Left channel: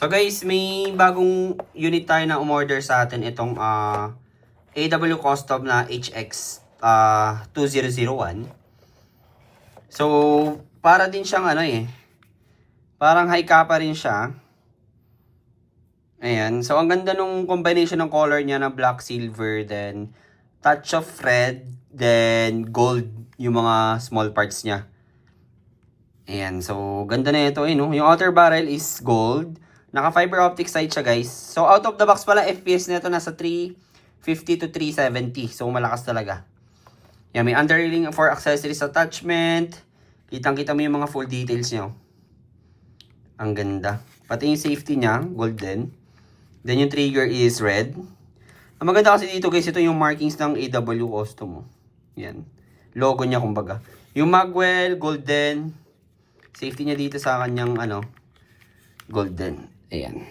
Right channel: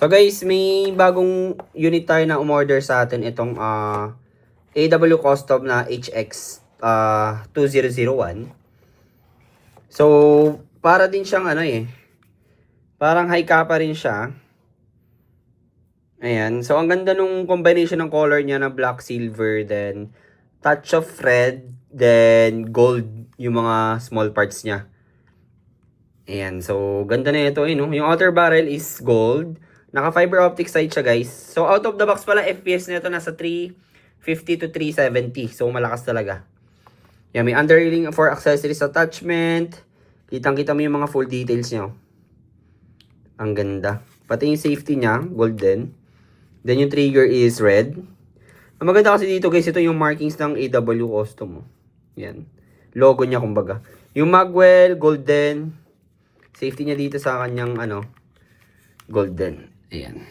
So guys, may bagong unit tayo na umorder sa atin. Itong AW Custom na HX 2001. So, para din siyang parang high kappa rin siya. Ayan. So, ang ganda nung combination ng color niya na black, silver, then touch of red, then gold yung mga small parts niya. Ayan. So, ganda na ito no? Yung outer barrel is gold. Naka fiber optic sight siya guys. So out of the box pala FPS nito nasa 350 to 370. So malakas talaga. Yan, may underrailing for accessories attachment. Kitang-kita mo yung mga full details niya. Ang ganda. Pati yung safety niya, golden. Then yung trigger is red. Ang maganda kasi dito guys, ito yung markings ng AW Custom. Yan. Logo niya kumbaga. Yung magwell, golden. Safety niya dito sa kanyang golden. Ayan.